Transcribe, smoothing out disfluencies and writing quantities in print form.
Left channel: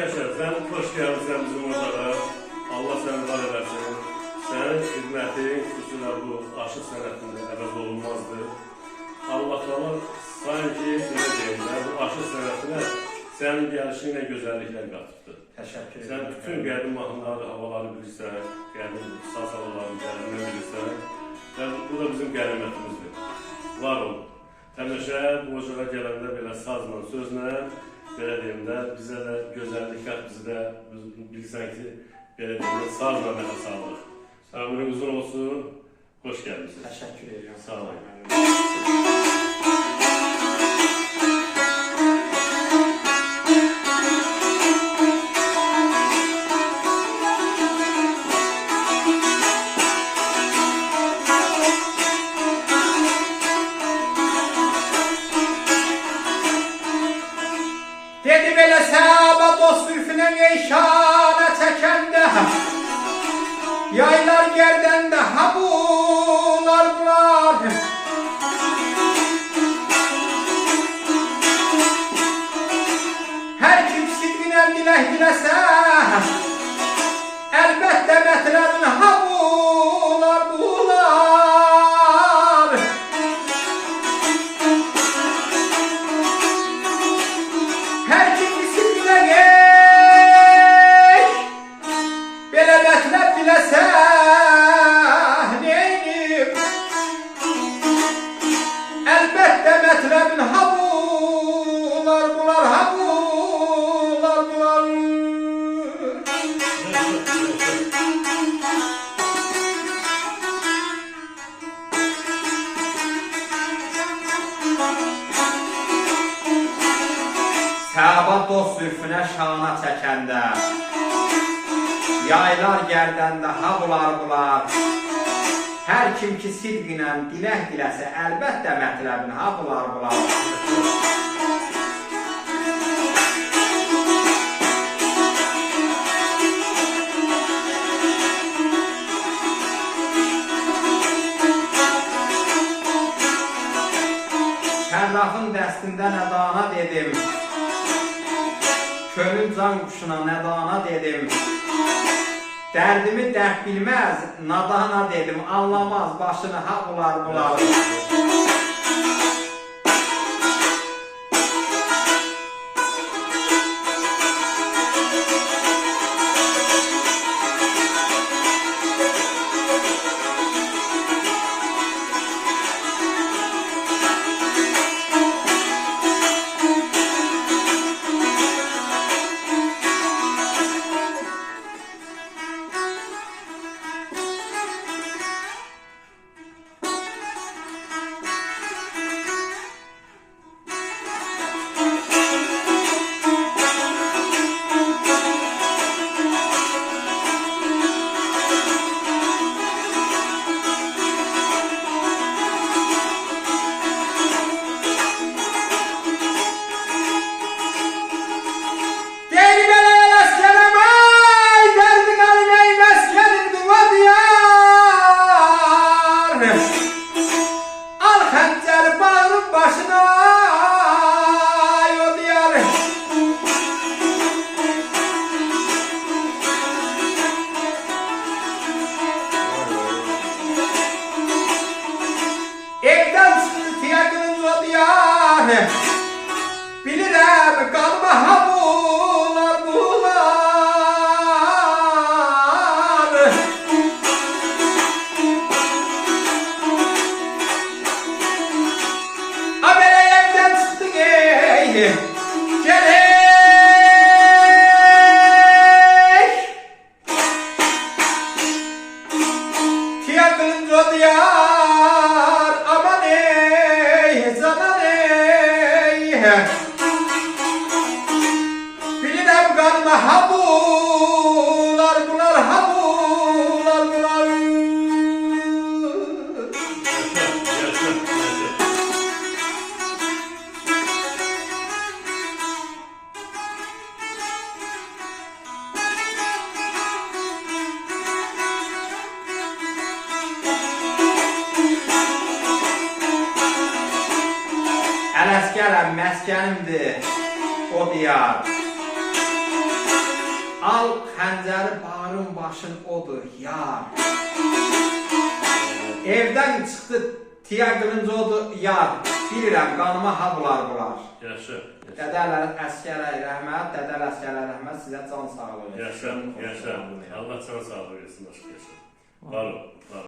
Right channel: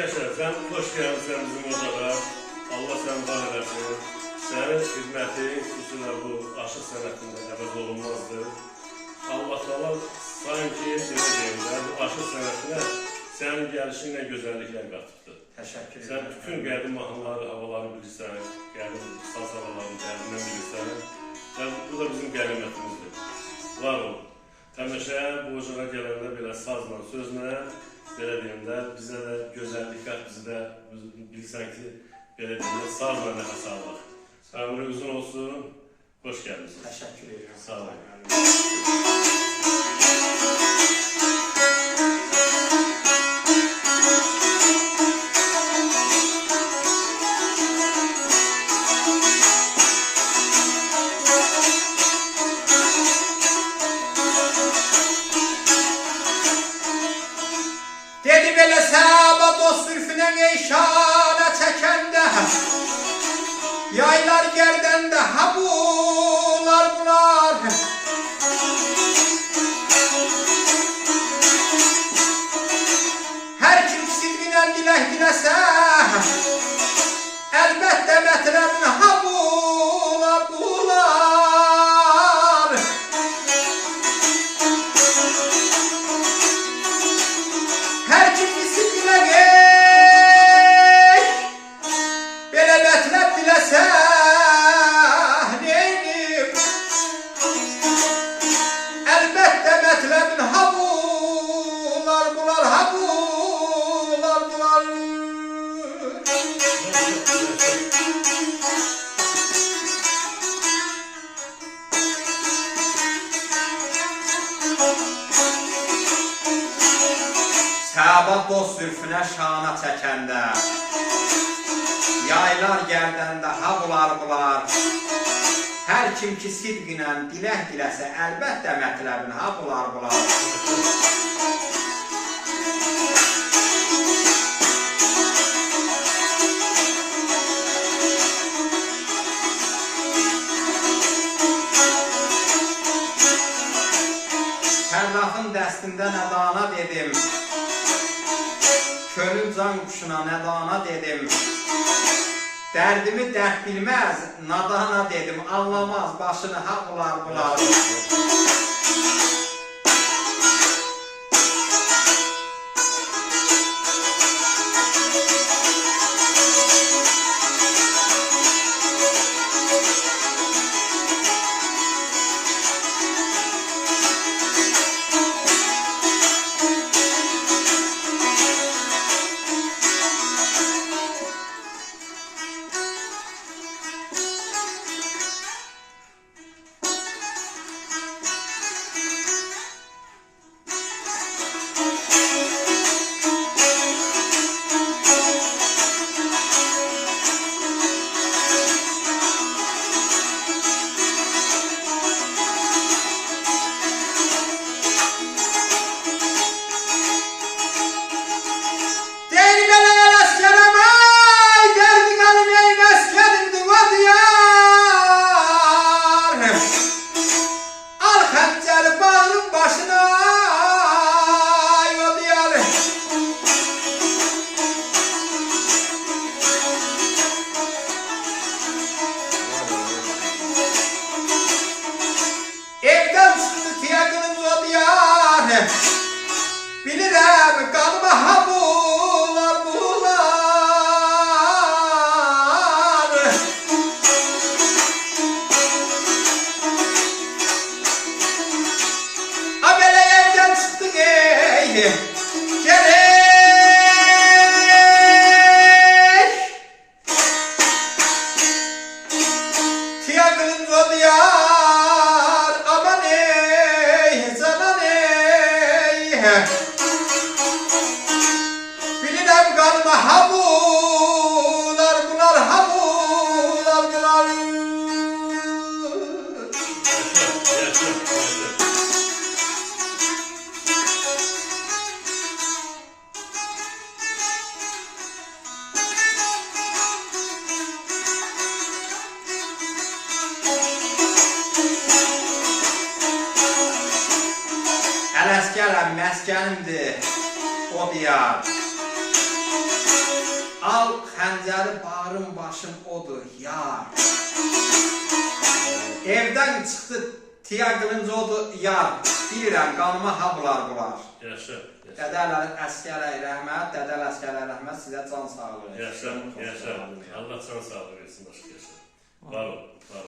yaşa. Sen hoş gelmişsin bizim ocağa. Allah seni var edersin. Senin hizmetin, xüsusilə bu aşıq sənətində əvəz olunmazdır. Allah Allah sanki belə deyirlər, bu aşıq sənətinə sənin gəlişinlə gözəlliklər qatıbdır. Təşəkkür Sən ederim. bütün qədim mahnıları, havalarını bilirsən, qədim saz havalarını qədindən bilirsən. Və bu da bizim qənimətimizdir. Var ol. Həmişə bu ocağa gələndə belə sazla, sözlə, belə deyim də, bizə də gözəllik qat, bizi də bilirsən ki, belə deyim də, sazla nəfəs alır. Ömrü uzun olsun, hoş gəldiniz. Təşəkkür ederim. Sağ olun. Dedi belə səhaba dost zülfüne neyşana çəkəndə yaylar gərdəndə ha bunlar bunlar hər kim sidqinə dilək diləsə əlbəttə mətləbin ha bunlar bunlar hər kim sidqinə belə mətləb diləsə neynim əlbəttə mətləbin ha bunlar bunlar ha bunlar bunlar Səba dost zülfüne şana çəkəndə yaylar gərdəndə ha bular bular hər kim ki sidqinə dilək diləsə əlbəttə mətləbin ha bular bular Fərdağın dəstində nədana dedim Könül can quşuna nədana dedim Dərdimi dərd bilməz, nadana dedim Anlamaz başını ha bular bular Bilirəm qanıma ha bunlar bunlar A belə evdən çıxdık ey Gələk Tiya qılınca o diyar Aman ey canan ey Bilirəm qanıma ha bunlar bunlar ha bunlar bunlar Ələskərəm məskənimdir o diyar Al xəncəri bağrın başın odur yar. Evdən çıxdı tiya qılınca odur yar. Bilirəm qanıma ha bular. Yaxşı. Dədələr əskərə rəhmət, dədəl əskərə rəhmət, sizə can sağlığı. Yaşa. Allah can sağlığı versin. Var ol.